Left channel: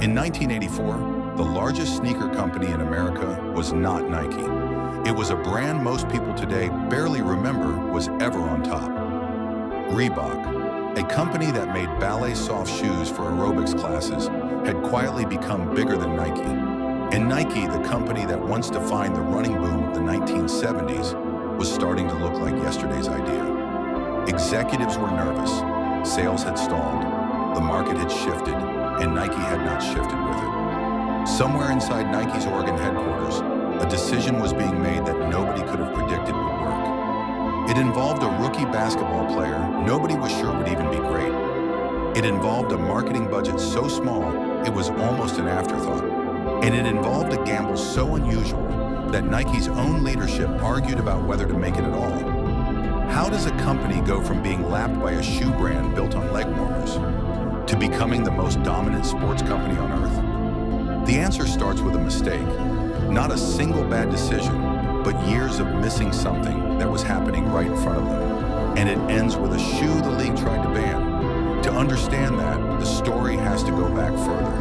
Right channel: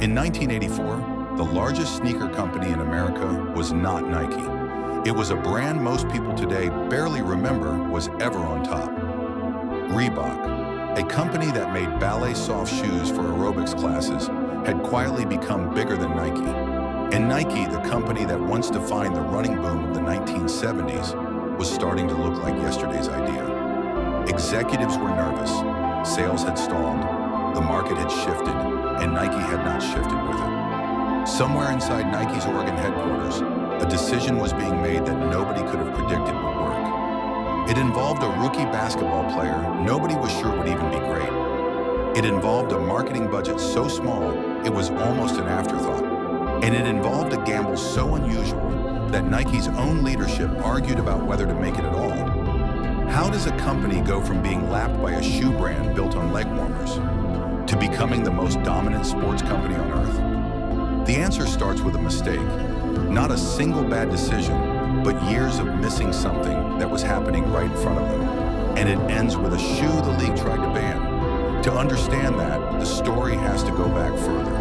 In 1984, the largest sneaker company in America was not Nike. It was a brand most people today barely remember was ever on top. Reebok, a company that made ballet soft shoes for aerobics classes, had quietly become bigger than Nike. And Nike, the company that once defined the running boom of the 1970s, was starting to look like yesterday's idea. Executives were nervous, sales had stalled, the market had shifted, and Nike had not shifted with it. Somewhere inside Nike's Oregon headquarters, a decision was being made that nobody could have predicted would work. It involved a rookie basketball player nobody was sure would even be great. It involved a marketing budget so small it was almost an afterthought. And it involved a gamble so unusual that Nike's own leadership argued about whether to make it at all. How does a company go from being lapped by a shoe brand built on leg warmers to becoming the most dominant sports company on earth? The answer starts with a mistake. Not a single bad decision, but years of missing something that was happening right in front of them. And it ends with a shoe the league tried to ban. To understand that, the story has to go back further.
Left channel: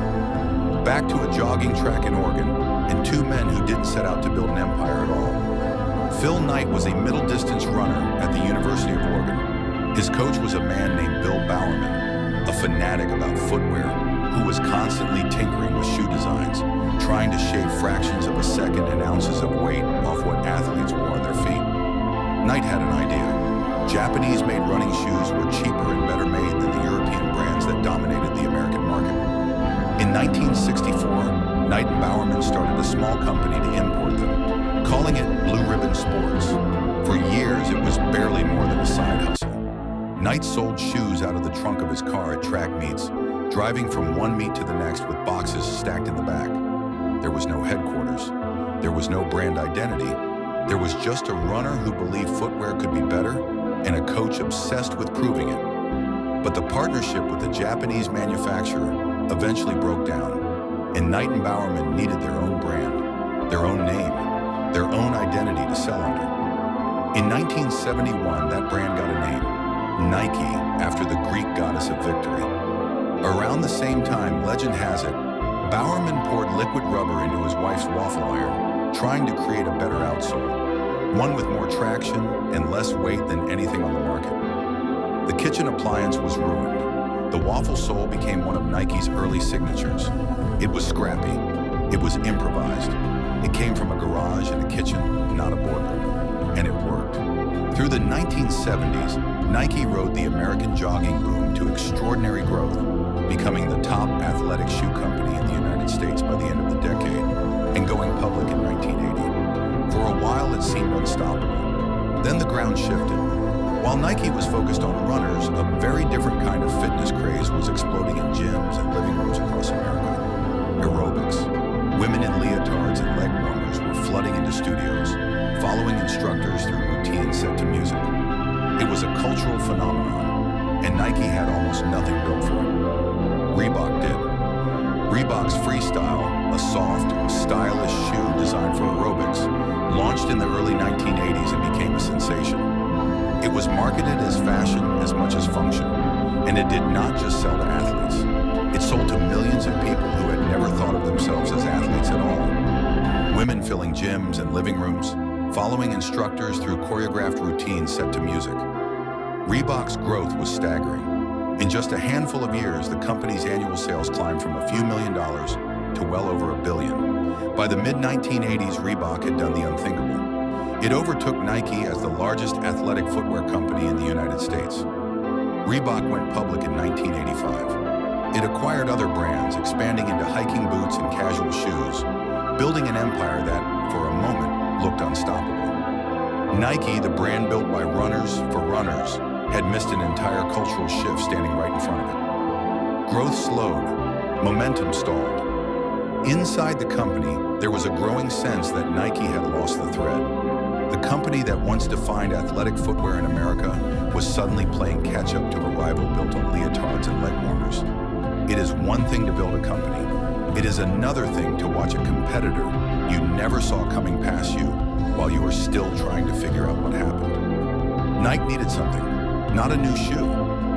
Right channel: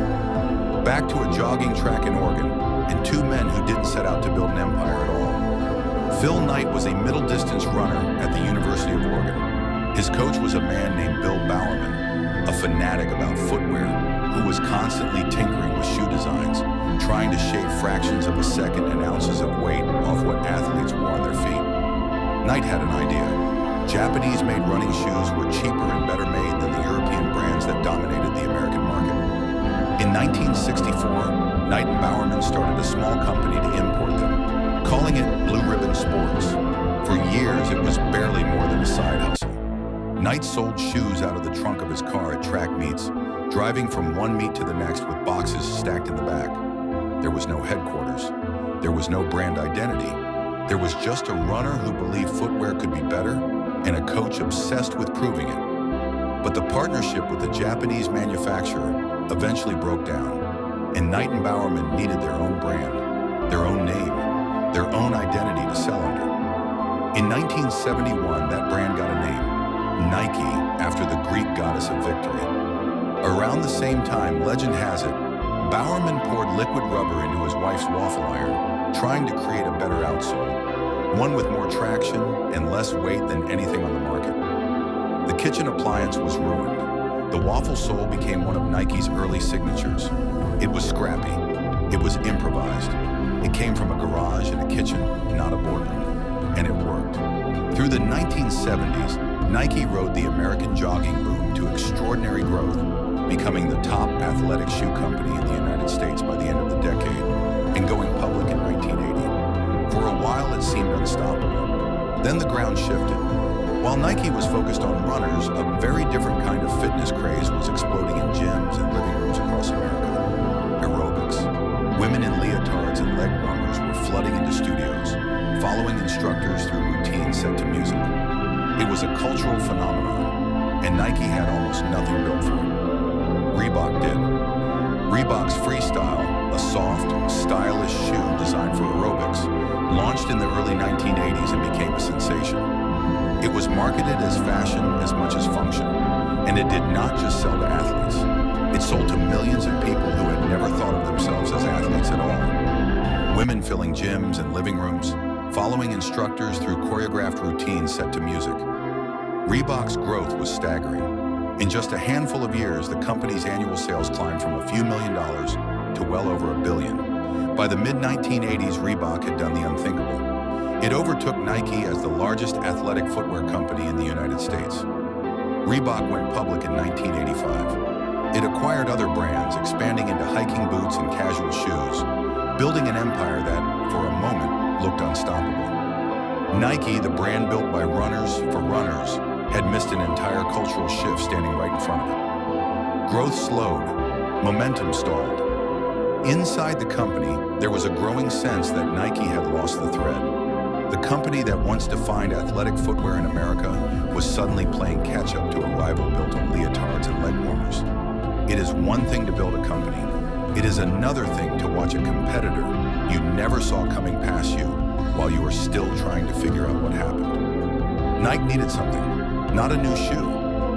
Back to a jogging track in Oregon, and two men who didn't set out to build an empire at all. Phil Knight was a middle-distance runner at the University of Oregon. His coach was a man named Bill Bowerman, a fanatic about footwear, who was constantly tinkering with shoe designs, trying to shave fractions of a second and ounces of weight off what athletes wore on their feet. Knight had an idea. Japanese-made running shoes were cheaper and better made than the European brands that dominated the American market. In 1964, Knight and Bowerman started a small company to import them, calling it Blue Ribbon Sports. For years, it was barely more than a side hustle. Knight sold shoes out of the trunk of his car at track meets, driving from one meet to the next with boxes stacked in the back. There was no headquarters. There was no brand identity. There was just a runner who believed footwear could be better and a coach obsessed with proving it. But the partnership with the Japanese manufacturer eventually broke down, and Knight and Bowerman needed their own brand, their own name, their own identity to sell under. In 1971, that brand got a name, Nike, after the Greek goddess of victory. Around the same time, legend has it, Bowerman poured liquid rubber into his wife's waffle iron, trying to create a better outsole, one with more traction and less weight than anything on the market. The kitchen appliance was ruined. The waffle sole became one of Nike's early signatures. It was scrappy. It was improvised. It came from a garage and a kitchen, not a boardroom. And it worked. Through the 1970s, Nike rode the American jogging boom to extraordinary growth, becoming the top athletic shoe company in the United States by the end of the decade, and going public in 1980. For a while, it seemed unstoppable. Then the ground shifted. While Nike was focused on runners, a very different kind of fitness craze was exploding in gyms and living rooms across America. Aerobics. Women in leotards and leg warmers were flooding into studios, following instructors through routines set to music. It was a cultural phenomenon, and Nike had almost nothing built for it. Reebok did. Reebok's Freestyle, a soft, stylish shoe designed for aerobics, launched in the early 1980s and became a sensation. It was marketed as fashion as much as function, and it did not just sell to athletes. It sold to millions of people who had never thought of themselves as athletes at all. Women filling gyms and living rooms, following instructors through choreographed routines set to music. Reebok's growth was staggering. In just a handful of years, the company's annual sales climbed from a few $1 million to well over $1 billion. By the mid-1980s, Reebok had done the unthinkable. It overtook Nike as the largest athletic footwear company in the United States. Reebok went public in 1985. It acquired other brands, expanding into hiking boots and casual shoes, building an empire that, for a moment, looked unstoppable. Nike, the brand built by runners for runners, had missed an entire cultural shift standing right in front of it. Growth slowed, momentum stalled. Inside the company, there was a growing sense that Nike had lost the thread. The company that once defined athletic footwear in America was suddenly playing catch-up to a rival built on leotards and leg warmers. It is one thing to build a company. It is another thing to watch a competitor you never saw coming past you while you were still trying to figure out what happened. Nike needed something, not a new shoe,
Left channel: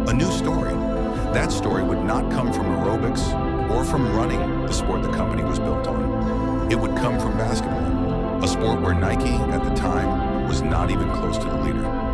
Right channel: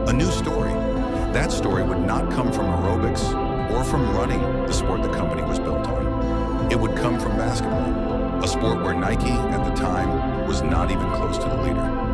a new story. That story would not come from aerobics or from running, the sport the company was built on. It would come from basketball, a sport where Nike, at the time, was not even close to the leader.